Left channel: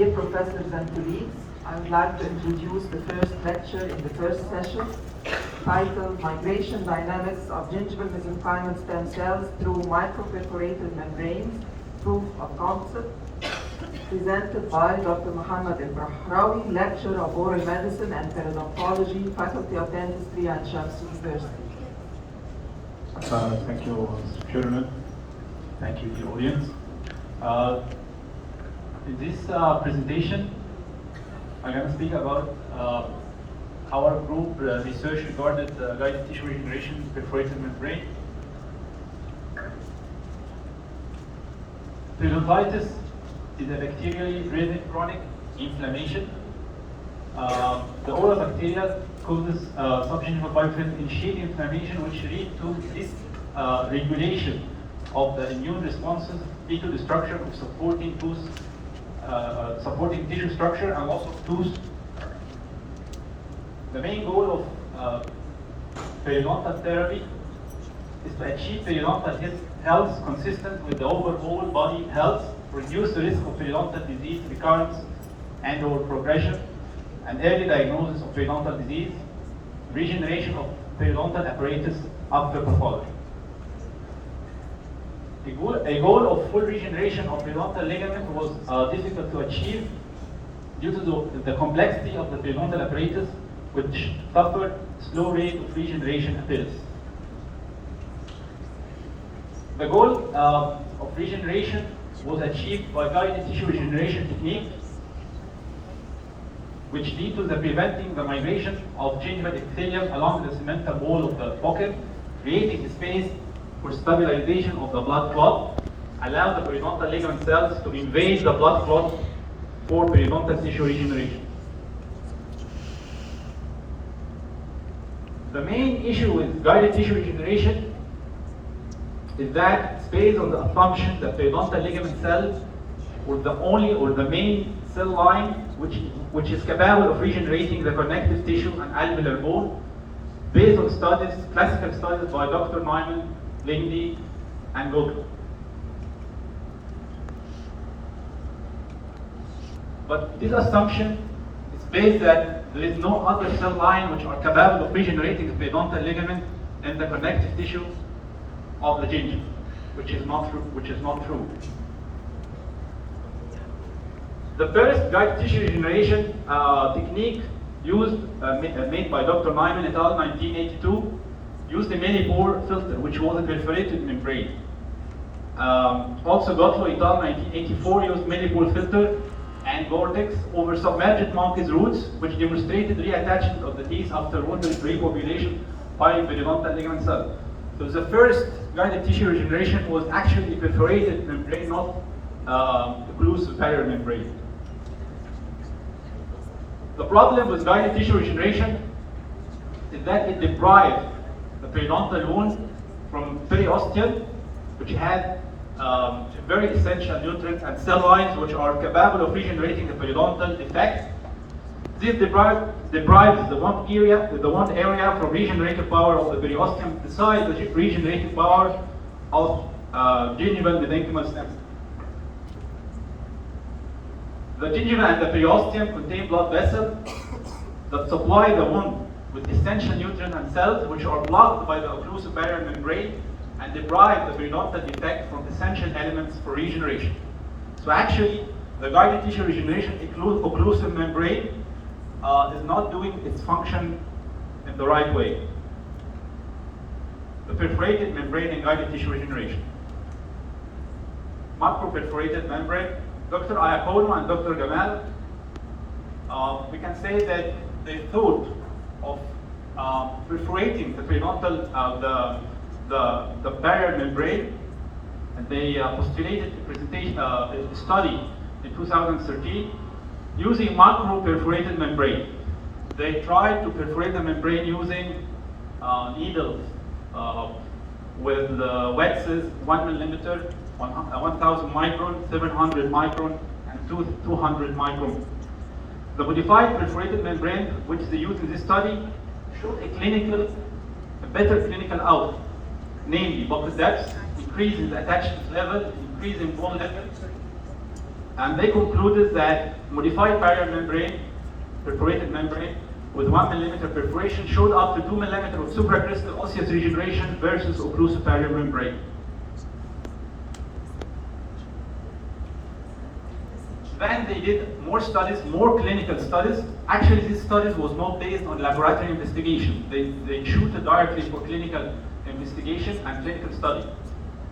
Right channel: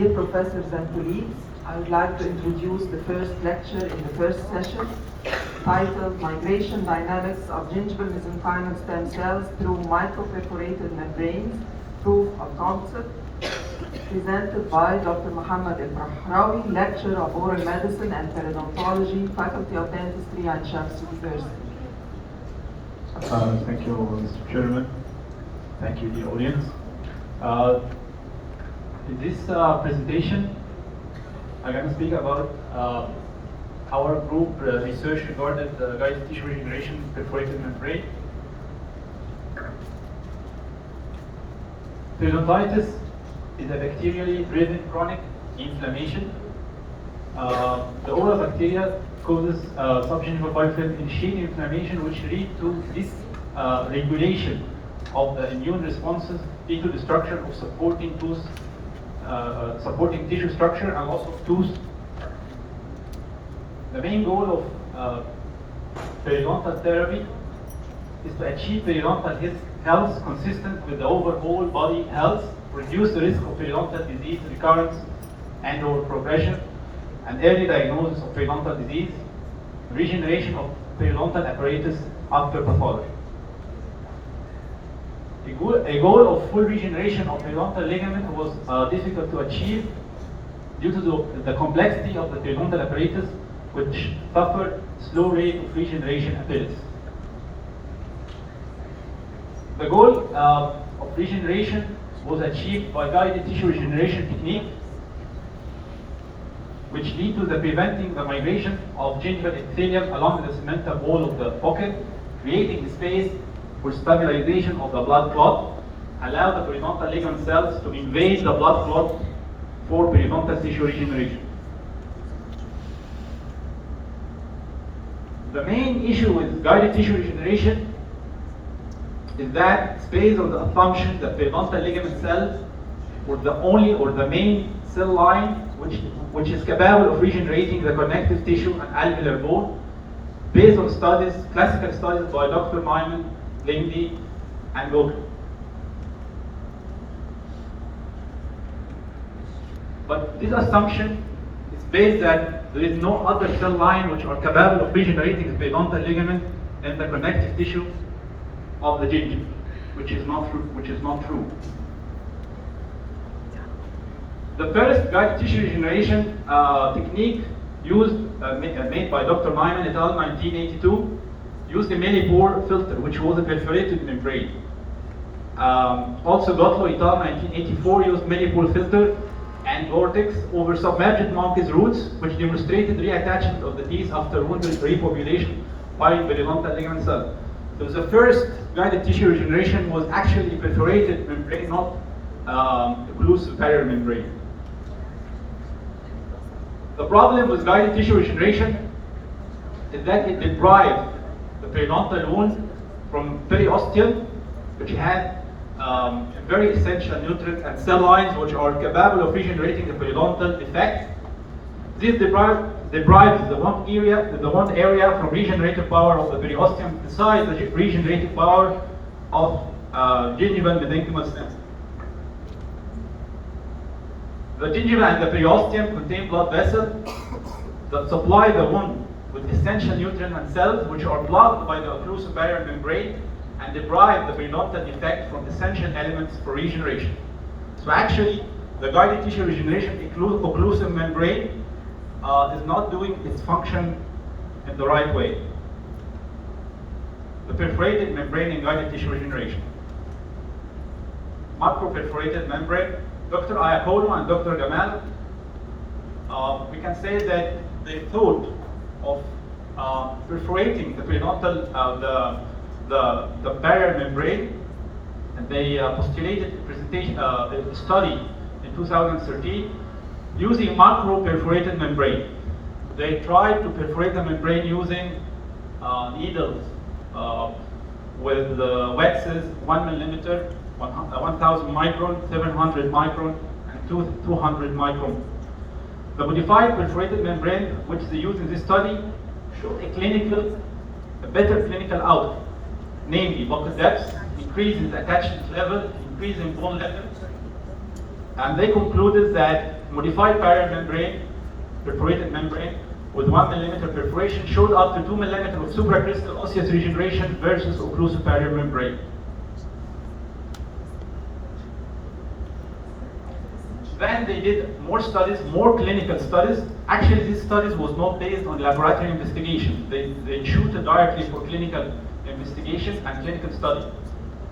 Dear professors and colleagues, I would like to introduce the first lecture in the first session, titled Migration Dynamics of Gingival Mesenchymal Stem Cells Through Microperforated Membranes, Proof of Concept, presented by Dr. Mohammed Al-Rahrawi, Lecturer of Oral Medicine and Periodontology, Faculty of Dentistry, Ain Shams University. Thank you, Mr. Chairman. Thank you, the audience. In this presentation, I'm going to speak about our group research regarding guided tissue regeneration perforated membrane. Periodontitis is a bacterially driven chronic inflammation. The oral bacteria causes subgingival biofilm initiated inflammation, which lead to this regulation of the immune responses into the structure of supporting tooth, supporting tissue structure and also tooth. The main goal of periodontal therapy is to achieve periodontal health consistent with the overall body health, reduce the risk of periodontal disease recurrence and or progression, and early diagnosis of periodontal disease, regeneration of periodontal apparatus after pathology. A goal of full regeneration of periodontal ligament was difficult to achieve due to the complexity of the periodontal apparatus, which suffered slow rate of regeneration ability. The goal of regeneration was achieved by guided tissue regeneration technique, which lead to the preventing the migration of gingival epithelium along the cemental wall of the pocket, creating space for stabilization of the blood clot, allow the periodontal ligament cells to invade the blood clot for periodontal tissue regeneration. The main issue with guided tissue regeneration is that it's based on the assumption that periodontal ligament cells were the only or the main cell line which is capable of regenerating the connective tissue and alveolar bone, based on studies, classical studies by Dr. Myman, Lindy, and Goldman. But this assumption is based that there is no other cell line which are capable of regenerating the periodontal ligament and the connective tissue of the gingiva, which is not true. The first guided tissue regeneration technique used, made by Dr. Myman et al. 1982, used a millipore filter, which was a perforated membrane. Also, Gottlow et al. 1984 used millipore filter and Gore-Tex over submerged monkey's roots, which demonstrated reattachment of the teeth after wound repopulation by periodontal ligament cell. So the first guided tissue regeneration was actually perforated membrane, not occlusive barrier membrane. The problem with guided tissue regeneration is that it deprived the periodontal wound from periosteum, which had very essential nutrients and cell lines which are capable of regenerating the periodontal defect. This deprives the one area from regenerative power of the periosteum besides the regenerative power of gingival mesenchymal stem. The gingiva and the periosteum contain blood vessels that supply the wound with essential nutrients and cells which are blocked by the occlusive barrier membrane and deprive the periodontal defect from essential elements for regeneration. So actually, the guided tissue regeneration occlusive membrane is not doing its function in the right way. The perforated membrane in guided tissue regeneration. Macroperforated membrane. Dr. Iapono and Dr. Gamal, we can say that they thought of perforating the periodontal, the barrier membrane, and they postulated a presentation, a study in 2013 using macro-perforated membrane. They tried to perforate the membrane using needles with wedges 1 millimeter, 1000 micron, 700 micron, and 200 micron. The modified perforated membrane, which they used in this study, showed a better clinical outcome, namely buccal depth, increase in the attachment level, increase in bone level, And they concluded that modified barrier membrane, perforated membrane, with 1 millimeter perforation showed up to 2 millimeter of supracrystal osseous regeneration versus occlusive barrier membrane. Then they did more studies, more clinical studies. Actually, these studies was not based on laboratory investigation. They shooted directly for clinical investigation and clinical study.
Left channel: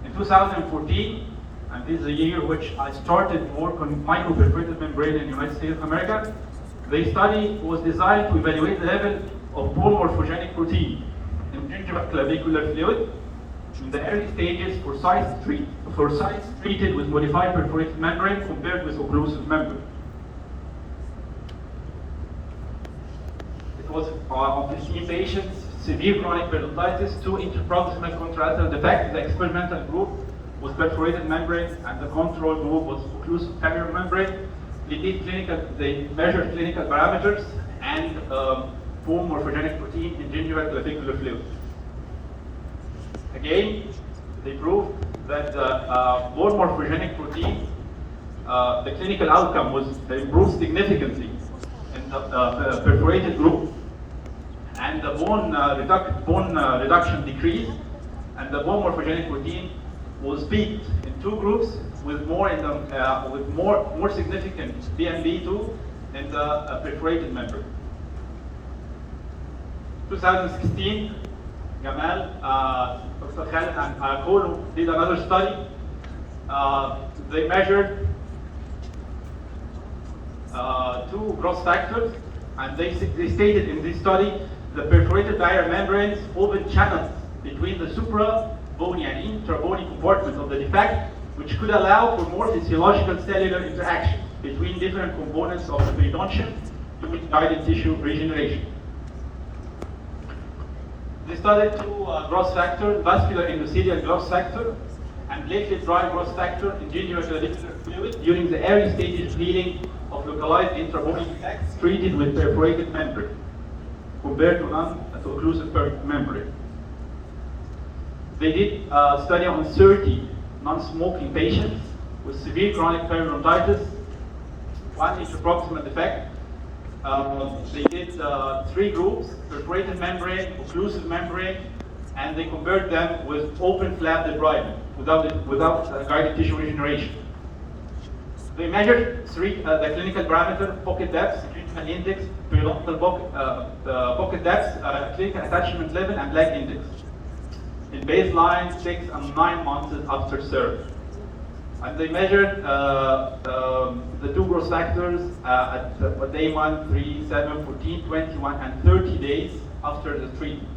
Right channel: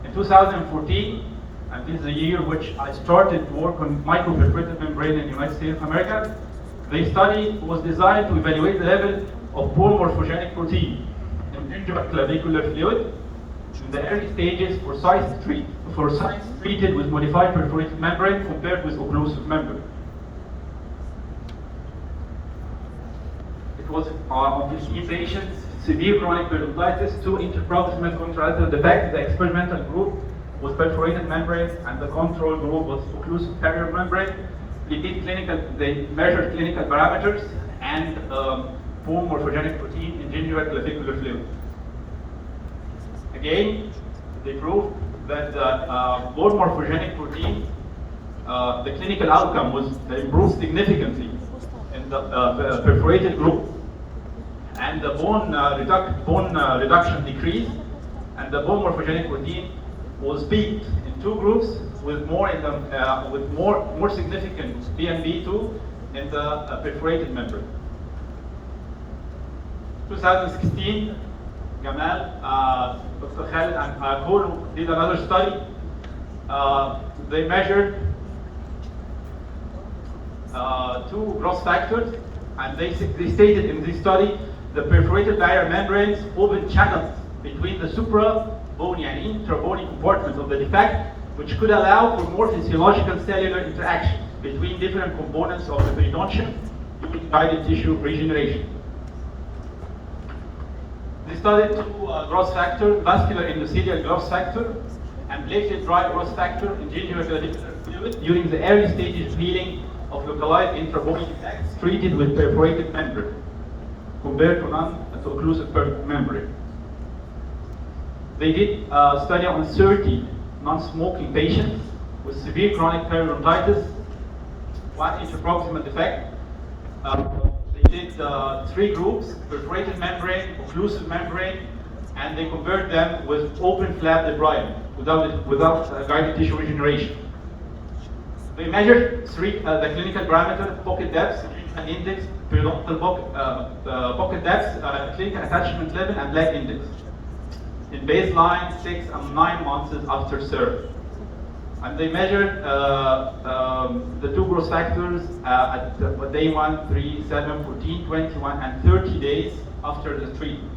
In 2014, and this is the year which I started to work on microperforated membrane in the United States of America, the study was designed to evaluate the level of bone morphogenic protein in gingival clavicular fluid in the early stages for sites treated with modified perforated membrane compared with occlusive membrane. It was on 15 patients, severe chronic periodontitis, 2 interproximal contralateral defects. The experimental group was perforated membrane and the control group was occlusive barrier membrane. They measured clinical parameters and bone morphogenic protein in gingival clavicular fluid. Again, they proved that bone morphogenic protein, the clinical outcome was improved significantly in the perforated group, and the bone reduction decreased, and the bone morphogenic protein was peaked in 2 groups with more significant BMB2 in the perforated membrane. 2016, Gamal, Dr. Khalid and Kono did another study. They measured 2 growth factors, and they stated in this study the perforated barrier membranes open channels between the supra-bony and intra-bony compartments of the defect, which could allow for more physiological cellular interaction between different components of the periodontium during guided tissue regeneration. They studied 2 growth factors, vascular endothelial growth factor and platelet dry growth factor in gingival clavicular fluid during the early stages of healing of localized intra-bony defects treated with perforated membrane compared to non-occlusive membrane. They did a study on 30 non-smoking patients with severe chronic periodontitis, 1 interproximal defect. They did 3 groups, perforated membrane, occlusive membrane, and they compared them with open flap debridement without guided tissue regeneration. They measured the clinical parameter, pocket depth, gingival index, periodontal pocket depth, clinical attachment level, and lag index in baseline, 6 and 9 months after surgery. And they measured the 2 growth factors at day 1, 3, 7, 14, 21, and 30 days after the treatment.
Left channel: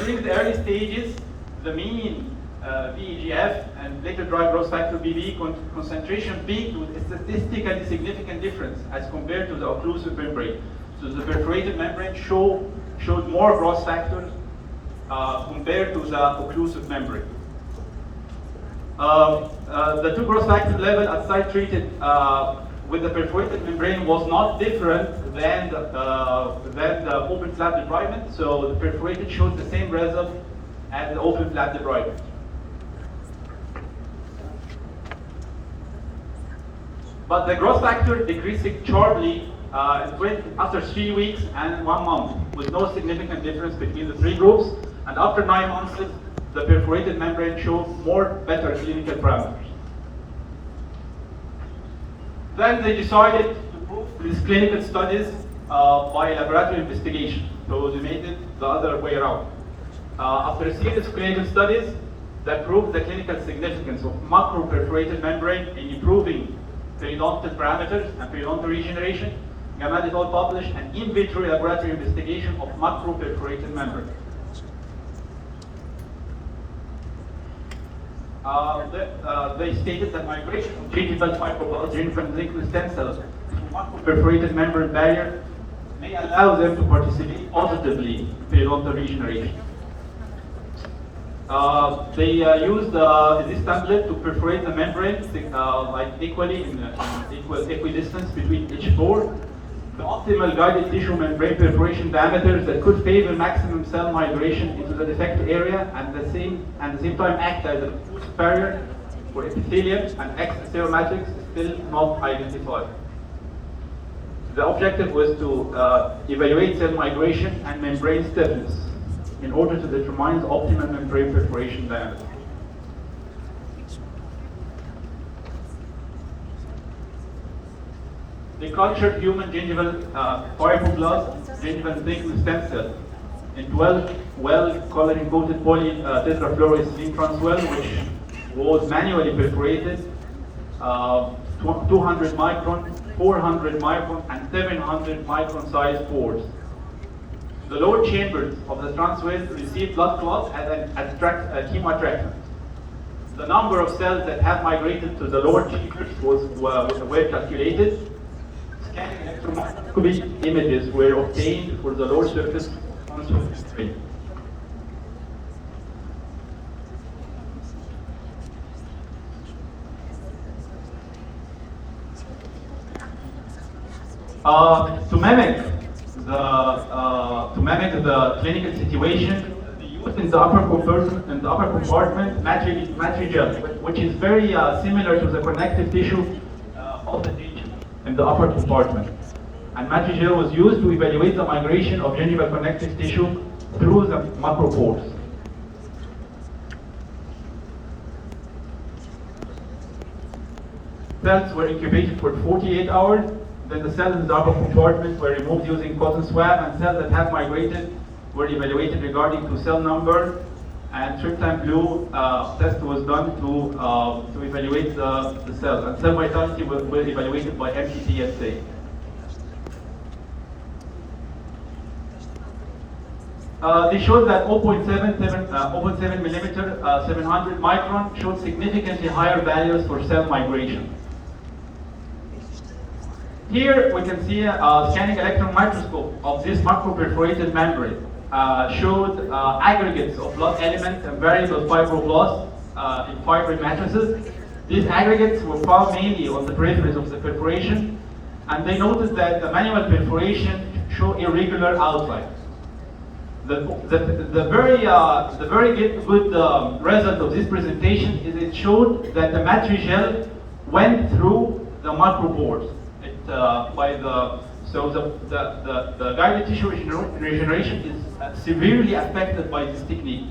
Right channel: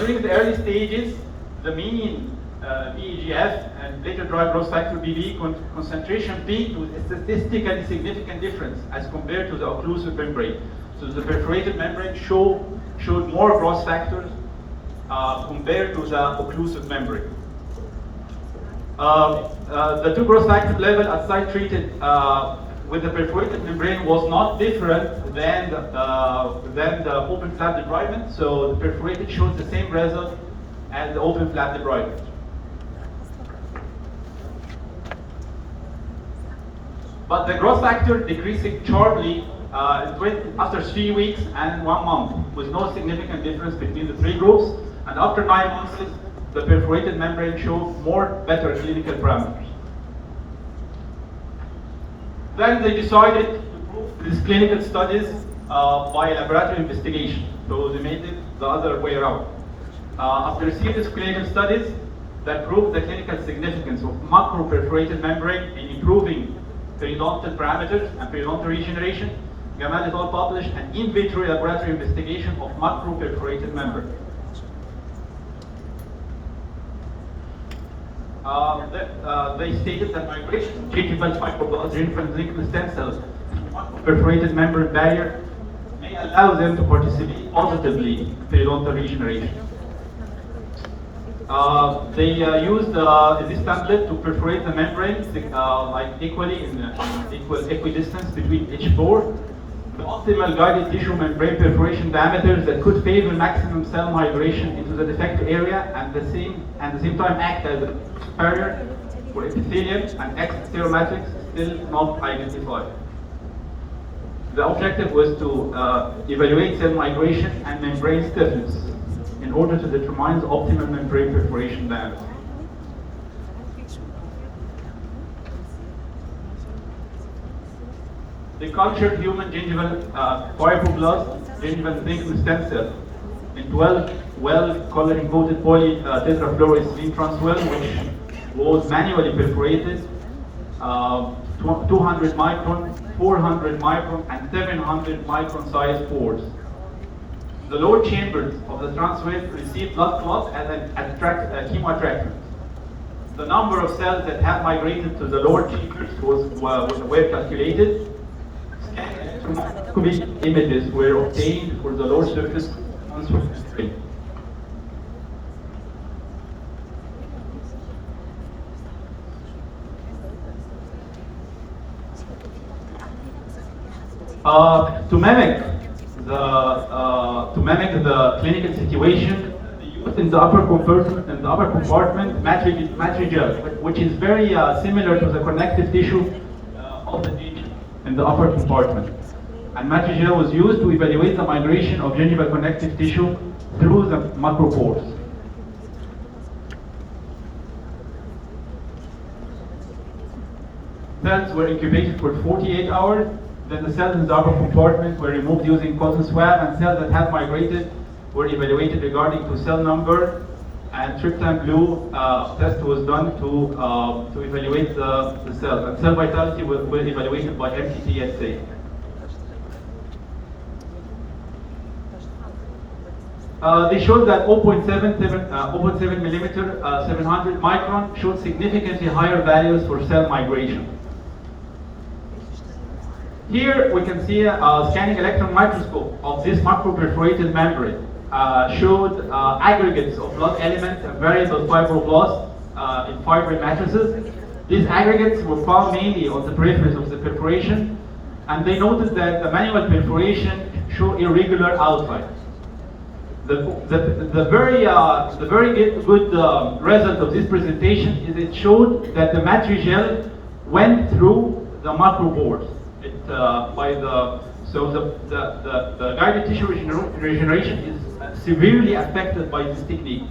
During the early stages, the mean PEGF and later dry growth factor BB concentration peaked with a statistically significant difference as compared to the occlusive membrane. So the perforated membrane showed more growth factors compared to the occlusive membrane. The 2 growth factor level at site treated with the perforated membrane was not different than the open flap debridement. So the perforated showed the same result as the open flap debridement. But the growth factor decreased sharply after 3 weeks and 1 month, with no significant difference between the 3 groups. And after 9 months, the perforated membrane showed better clinical parameters. Then they decided to prove these clinical studies by laboratory investigation. So they made it the other way around. After a series of clinical studies that proved the clinical significance of macro-perforated membrane in improving periodontal parameters and periodontal regeneration, Gamal et al. Published an in vitro laboratory investigation of macro-perforated membrane. They stated that migration of gingival fibroblasts from liquid stem cells to perforated membrane barrier may allow them to participate positively in periodontal regeneration. They used this template to perforate the membrane like equally in equidistance between each pore. The optimal guided tissue membrane perforation diameters that could favor maximum cell migration into the defect area and at the same time act as a barrier for epithelial and extracellular matrix still not identified. The objective was to evaluate cell migration and membrane stiffness in order to determine the optimal membrane perforation diameter. They cultured human gingival fibroblast, gingival ligament stem cell in 12 well-collagen-coated polytetrafluoroethylene transwell, which was manually perforated 200 micron, 400 micron, and 700 micron size pores. The lower chambers of the transwell received blood clots and an chemoattractant. The number of cells that have migrated to the lower chambers were calculated. Scanning images were obtained for the lower surface transwell. To mimic the clinical situation, used in the upper compartment matrigel, which is very similar to the connective tissue of the gingiva in the upper compartment. And matrigel was used to evaluate the migration of gingival connective tissue through the macropores. Cells were incubated for 48 hours. Then the cells in the upper compartment were removed using cotton swab, and cells that had migrated were evaluated regarding to cell number, and tryptophan blue test was done to evaluate the cells. And cell vitality was evaluated by MTTSA. They showed that 0.7 millimeter, 700 micron showed significantly higher values for cell migration. Here we can see a scanning electron microscope of this macroperforated membrane. Showed aggregates of blood elements and variable fibroblasts in fibrous matrices. These aggregates were found mainly on the peripheries of the perforation, and they noticed that the manual perforation show irregular outline. The very good result of this presentation is it showed that the matrigel went through the macropores. So the guided tissue regeneration is severely affected by this technique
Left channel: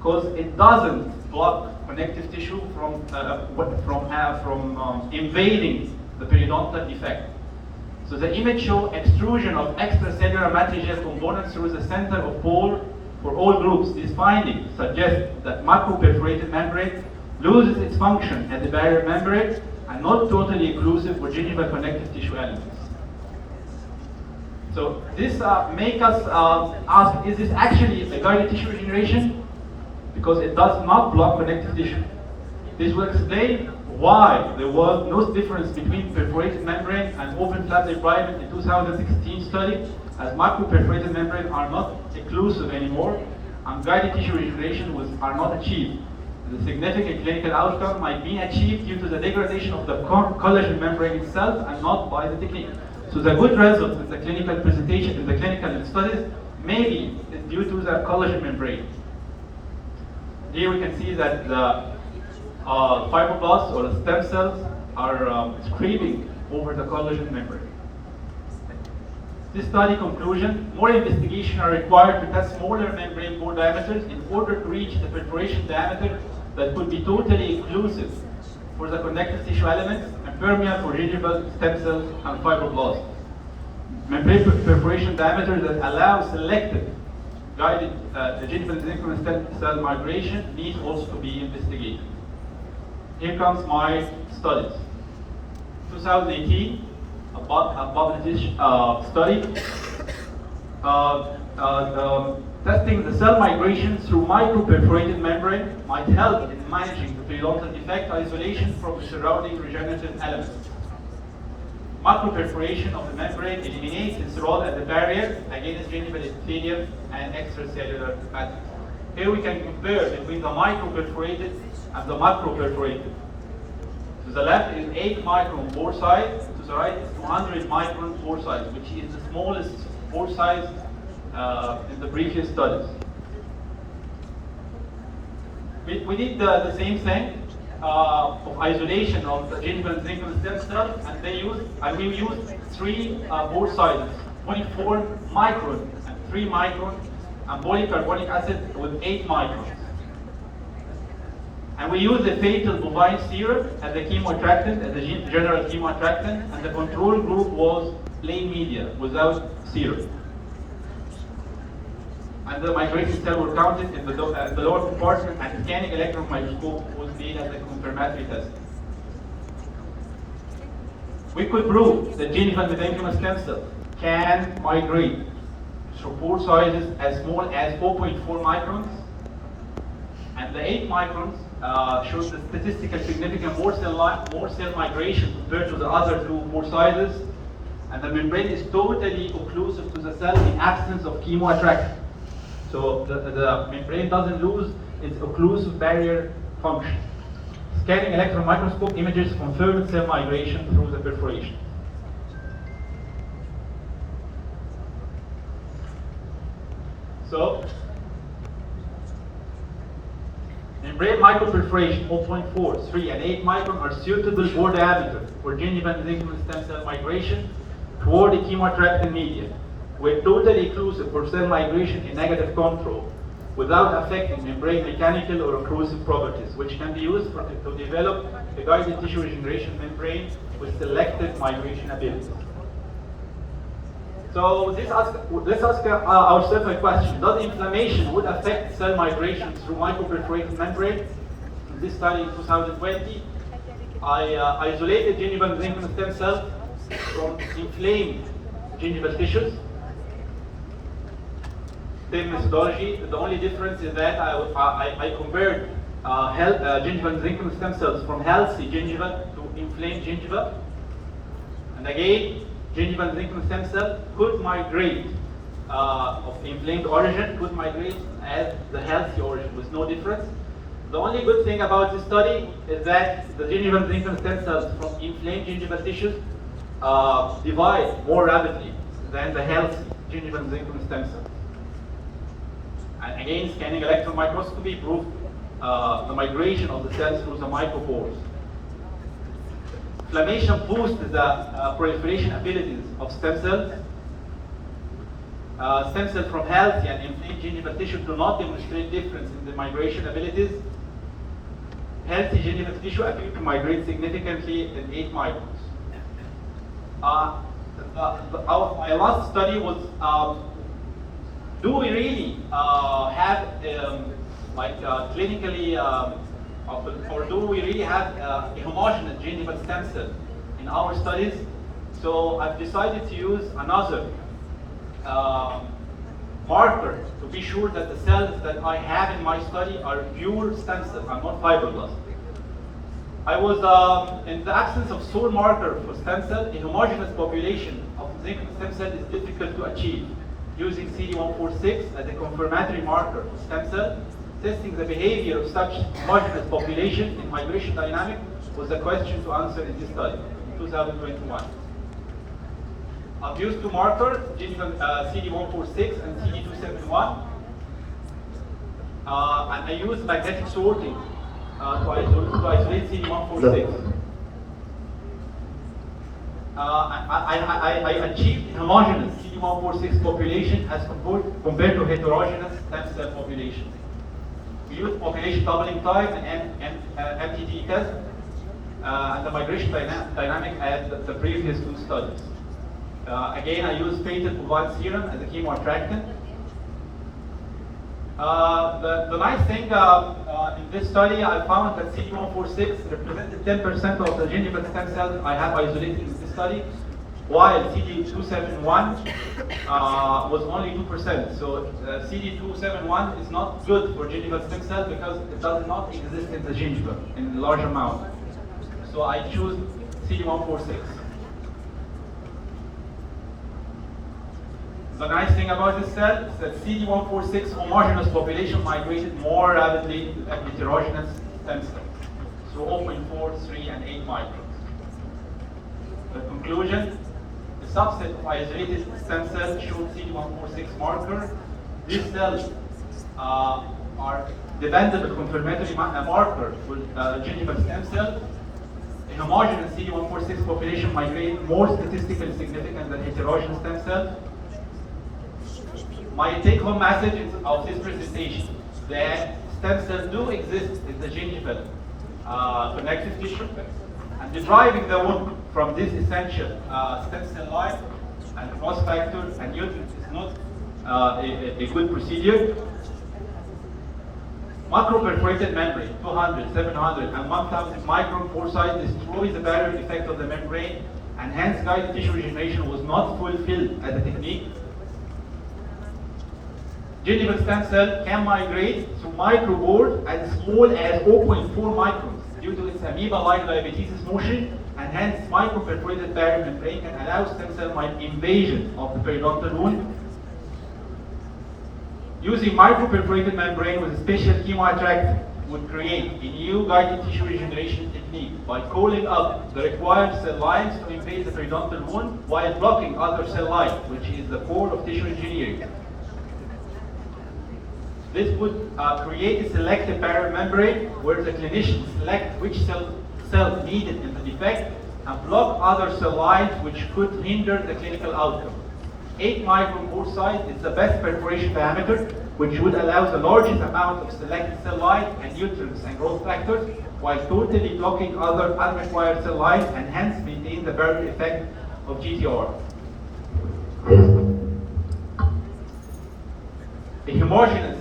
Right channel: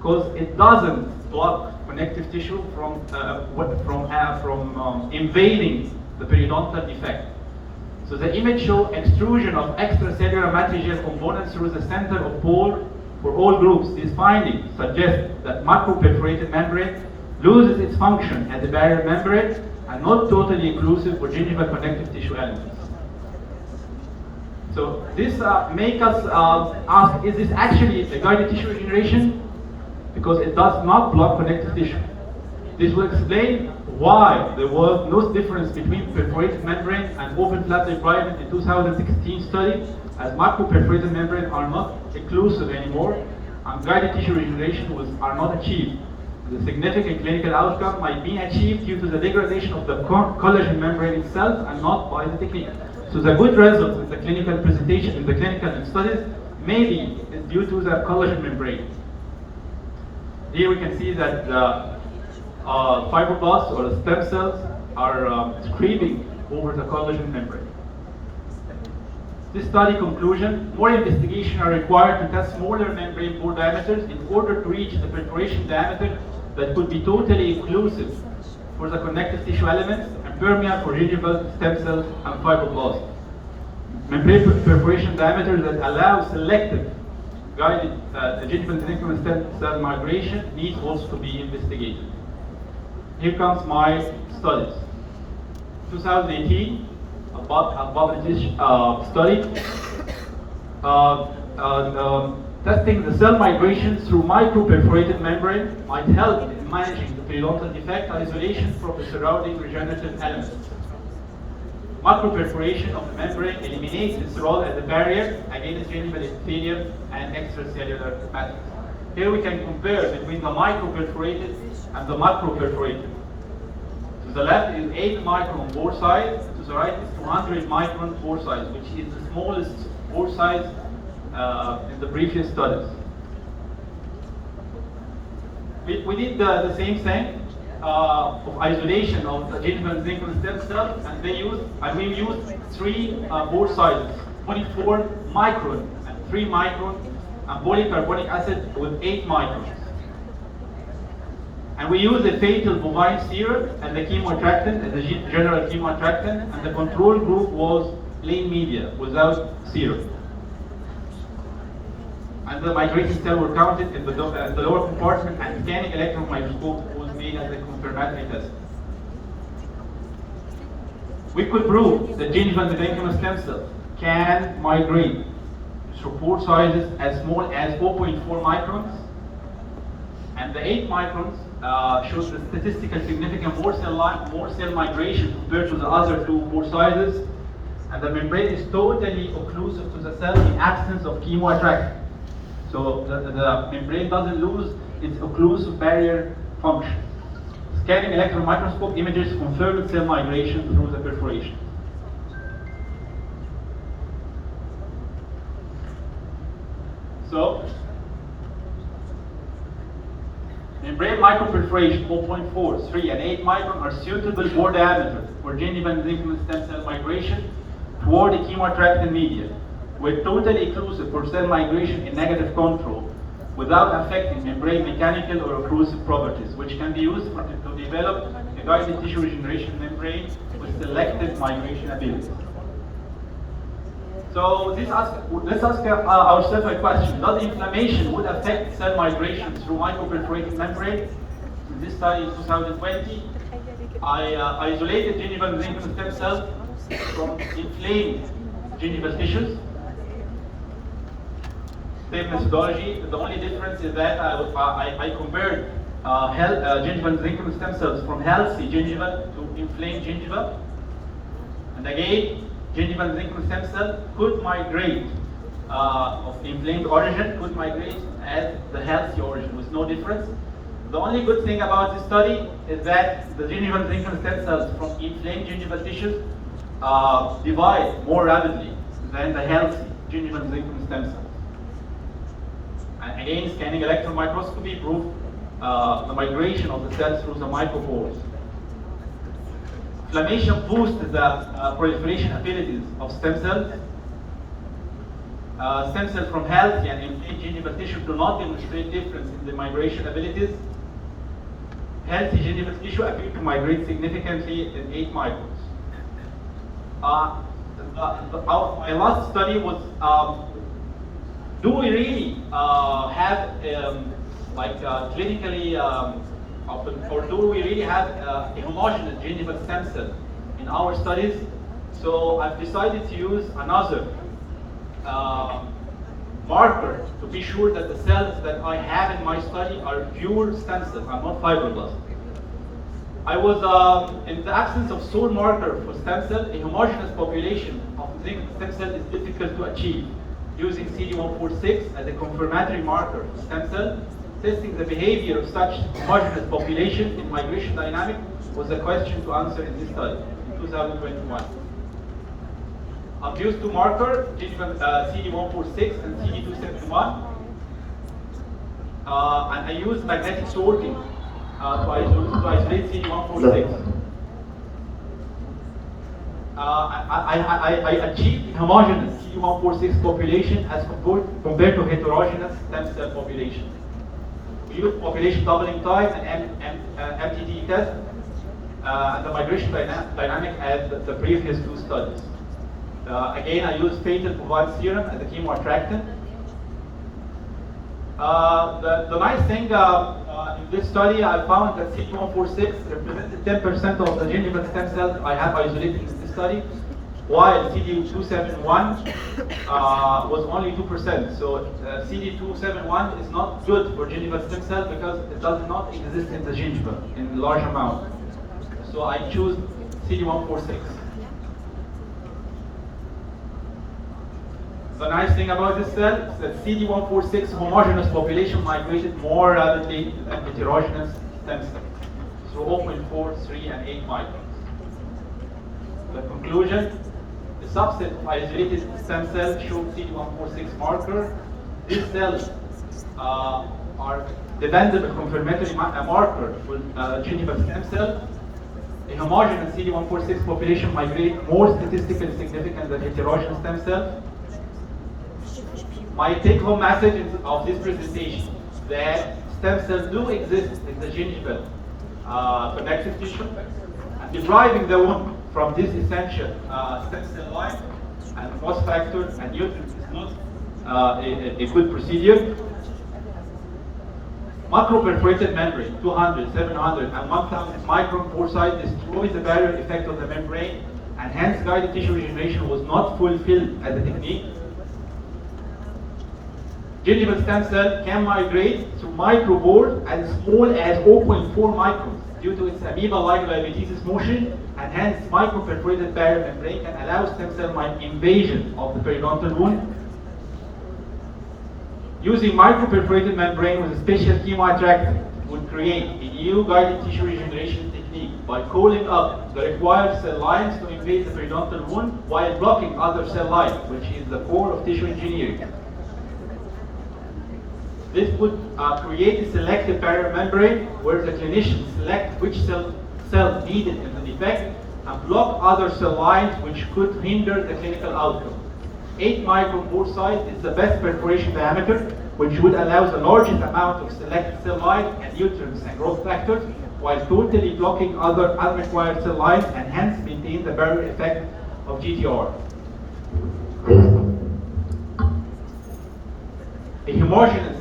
because it doesn't block connective tissue from invading the periodontal defect. So the image shows extrusion of extracellular matrigel components through the center of pore for all groups. These findings suggest that macroperforated membrane loses its function as a barrier membrane and not totally inclusive for gingival connective tissue elements. So this makes us ask, is this actually a guided tissue regeneration? Because it does not block connective tissue. This will explain why there was no difference between perforated membrane and open flap debridement in 2016 study, as macroperforated membrane are not inclusive anymore, and guided tissue regeneration are not achieved. The significant clinical outcome might be achieved due to the degradation of the collagen membrane itself and not by the technique. So the good result in the clinical presentation, in the clinical studies, may be due to the collagen membrane. Here we can see that the fibroblasts or the stem cells are screening over the collagen membrane. This study conclusion, more investigation are required to test smaller membrane pore diameters in order to reach the perforation diameter that could be totally inclusive for the connective tissue elements and permeable for gingival stem cells and fibroblasts. Membrane perforation diameter that allows selective guided gingival mesenchymal stem cell migration needs also to be investigated. Here comes my studies. 2018, a published study testing the cell migration through microperforated membrane might help in managing the periodontal defect isolation from the surrounding regenerative elements. Macroperforation of the membrane eliminates its role as a barrier against gingival epithelium and extracellular matrix. Here we can compare between the microperforated and the macroperforated. To the left is 8 micron pore size, to the right is 200 micron pore size, which is the smallest pore size in the previous studies. We did the same thing. of isolation of the gingival mesenchymal stem cell, and we used three pore sizes, 24 micron and 3 micron, and polycarbonic acid with 8 microns. And we used the fatal bovine serum and the chemoattractant, and the general chemoattractant, and the control group was plain media without serum. And the migrating cells were counted in the lower compartment, and scanning electron microscope was made as a confirmatory test. We could prove that gingival mesenchymal stem cells can migrate through pore sizes as small as 4.4 microns, and the 8 microns shows the statistical significant more cell migration compared to the other two pore sizes, and the membrane is totally occlusive to the cell in absence of chemoattraction. So the membrane doesn't lose its occlusive barrier function. Scanning electron microscope images confirmed cell migration through the perforation. So, membrane microperforation 0.4, 3, and 8 micron are suitable bore diameter for gingival mesenchymal stem cell migration toward the chemoattractant media, with totally occlusive for cell migration in negative control, without affecting membrane mechanical or occlusive properties, which can be used to develop a guided tissue regeneration membrane with selective migration ability. So let's ask ourselves a question: does inflammation would affect cell migration through microperforated membrane? In this study in 2020, I isolated gingival mesenchymal stem cells from inflamed gingival tissues. Same methodology. The only difference is that I compared gingival mesenchymal stem cells from healthy gingiva to inflamed gingiva, and again, gingival mesenchymal stem cell could migrate of the inflamed origin, could migrate as the healthy origin with no difference. The only good thing about this study is that the gingival mesenchymal stem cells from inflamed gingival tissues divide more rapidly than the healthy gingival mesenchymal stem cells. And again, scanning electron microscopy proved the migration of the cells through the micropores. Inflammation boosts the proliferation abilities of stem cells. Stem cells from healthy and inflamed gingival tissue do not demonstrate difference in the migration abilities. Healthy gingival tissue appear to migrate significantly in 8 microns. My last study was, do we really have clinically or do we really have a homogeneous gingival stem cell in our studies? So I've decided to use another marker to be sure that the cells that I have in my study are pure stem cells and not fibroblasts. I was, in the absence of sole marker for stem cell, a homogeneous population of stem cell is difficult to achieve using CD146 as a confirmatory marker for stem cell. Testing the behavior of such homogeneous population in migration dynamics was a question to answer in this study in 2021. I've used two markers, CD146 and CD271, and I used magnetic sorting to isolate CD146. I achieved homogeneous CD146 population as compared to heterogeneous stem cell population. We used population doubling time and MTT test and the migration dynamic as the previous two studies. Again, I used patent bovine serum as a chemoattractant. The nice thing in this study, I found that CD146 represented 10% of the gingival stem cells I have isolated in this study, while CD271 was only 2%. So CD271 is not good for gingival stem cells because it does not exist in the gingiva in large amount. So I choose CD146. The nice thing about this cell is that CD146 homogeneous population migrated more rapidly than heterogeneous stem cells through 0.4, 3, and 8 microns. The conclusion: the subset of isolated stem cells showed CD146 marker. These cells are dependent confirmatory marker for gingival stem cell. A homogeneous CD146 population migrate more statistically significant than heterogeneous stem cell. My take-home message of this presentation that stem cells do exist in the gingival connective tissue, and depriving the wound from this essential stem cell line and cross factor and nutrients is not a good procedure. Macro-perforated membrane, 200, 700, and 1000 micron pore size destroys the barrier effect of the membrane, and hence guided tissue regeneration was not fulfilled as a technique. Gingival stem cell can migrate through micropores as small as 0.4 microns due to its amoeba-like diabetes motion, and hence micro-perforated barrier membrane can allow stem cell invasion of the periodontal wound. Using microperforated membrane with a special chemoattractant would create a new guided tissue regeneration technique by calling up the required cell lines to invade the periodontal wound while blocking other cell lines, which is the core of tissue engineering. This would create a selective barrier membrane where the clinician select which cell needed in the defect and block other cell lines which could hinder the clinical outcome. 8 micron pore size is the best perforation diameter, which would allow the largest amount of selected cell lines and nutrients and growth factors, while totally blocking other unrequired cell lines and hence maintain the barrier effect of GTR. A homogeneous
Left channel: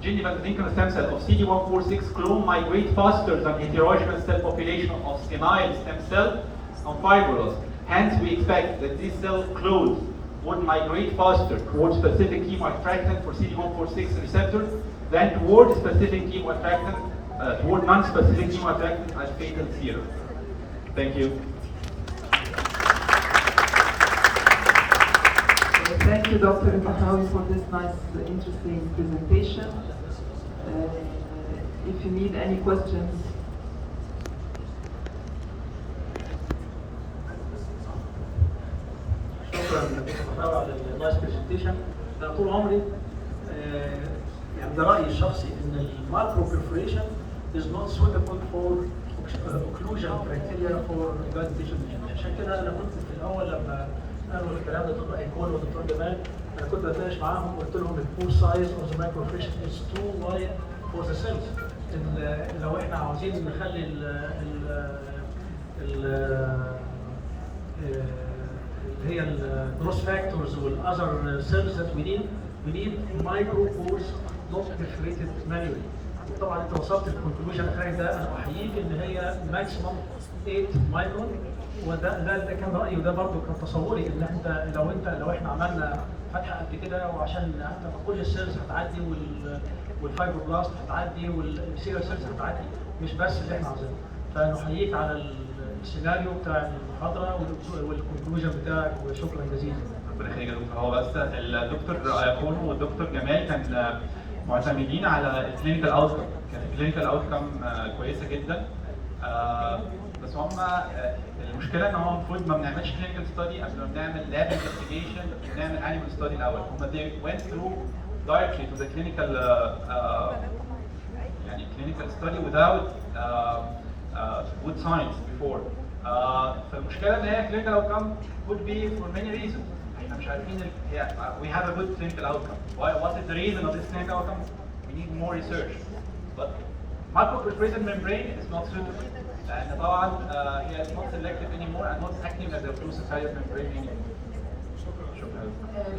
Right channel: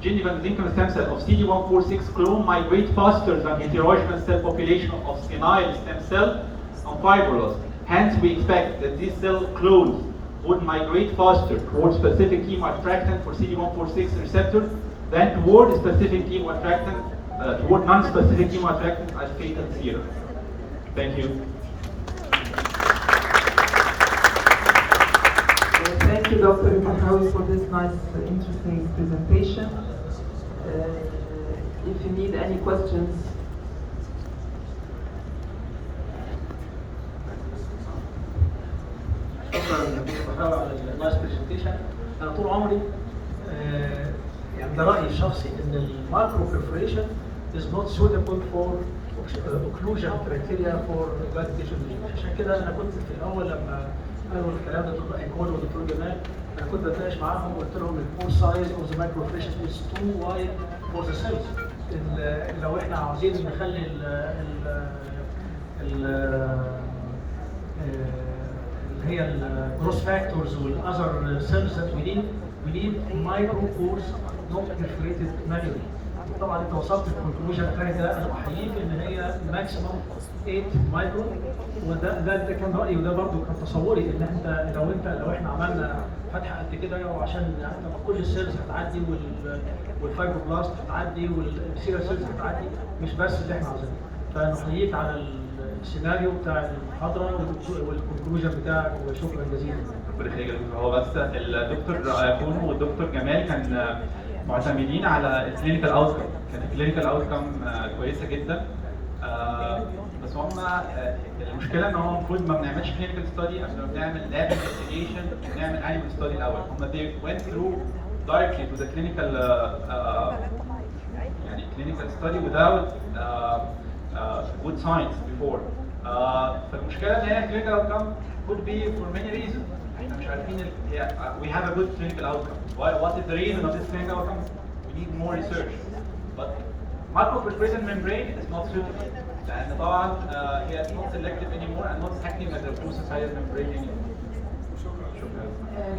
gingival mesenchymal stem cell of CD146 clone migrate faster than heterogeneous cell population of senile stem cell and fibroblasts. Hence, we expect that these cell clones would migrate faster towards specific chemoattractant for CD146 receptor than toward specific chemoattractant, toward non-specific chemoattractant as fatal zero. Thank you. Thank you, Dr. Ibahawi, for this nice, interesting presentation. If you need any questions, شكرا على النايس برزنتيشن. انا طول عمري يعني ده رايي الشخصي ان المايكرو برفوريشن is not suitable for occlusion criteria for guided tissue regeneration. عشان كده انا كنت في الاول لما قالوا الكلام ده دكتور ايكول ودكتور جمال انا كنت بتناقش معاهم وقلت لهم البور سايز اوف ذا مايكرو برفوريشن is too wide for the cells. لو احنا عاوزين نخلي اللي هي الجروث فاكتورز والاذر سيلز that we need micro pores not perforated manually. طبعا انت وصلت للكونكلوجن الاخير ده انا احييك ان هي ماكسيمم 8 مايكرون، وده كان رايي وده برضه كان تصوري ان انت لو احنا عملنا فتحه قد كده وعشان كل السيلز هتعدي والفايبروبلاست هتعدي والسيرال سيلز هتعدي مش بس اللي احنا عاوزينه. فانا احييك على السيناريو بتاع المحاضره والكونكلوجن بتاعك وشكرا جزيلا. هو بس الدكتور كونو والدكتور جمال كان معتمدين على الكلينيكال اوتكم، كانت الكلينيكال اوتكم كويسه جدا. بس هم المشكله ان هو المفروض ما بنعملش كلينيكال ستادي قبل ما بنعمل لاب انفستيجيشن ونعمل انيمال ستادي الاول. هم they went through directly to the clinical يعني clinical study without good science before. فالمشكله ان هي clinical outcome could be for many reasons. احنا مش عارفين we have a good clinical outcome. What is the reason of this clinical outcome? We need more research. But macroperforated membrane is not suitable. لأن طبعا هي not selective anymore and not acting as a processized membrane anymore.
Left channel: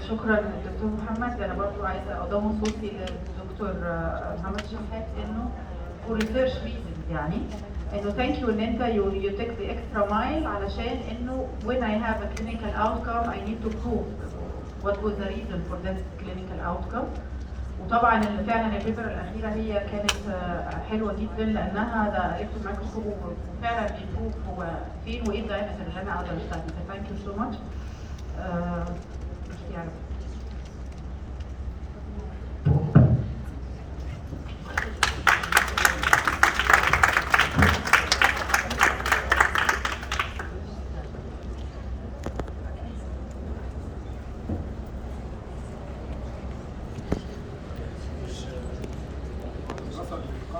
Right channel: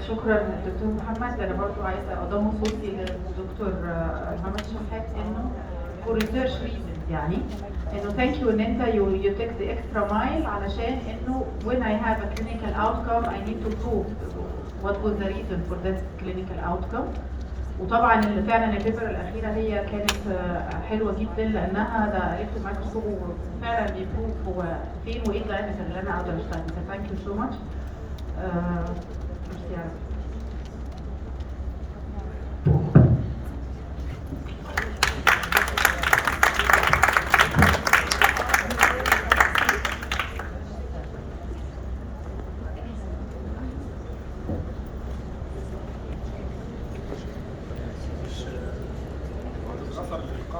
شكرا دكتور محمد. انا برضه عايزه اضم صوتي للدكتور محمد شحات انه for research reasons يعني انه thank you ان انت you take the extra mile علشان انه when I have a clinical outcome I need to prove what was the reason for this clinical outcome. وطبعا اللي فعلا البيبر الاخيره هي كانت حلوه جدا لانها ده الكترون مايكروسكوب وفعلا بيبروف هو فين وايه الدايمتر اللي انا اقدر اشتغل بيه. ثانك يو سو ماتش.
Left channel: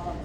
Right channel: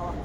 اه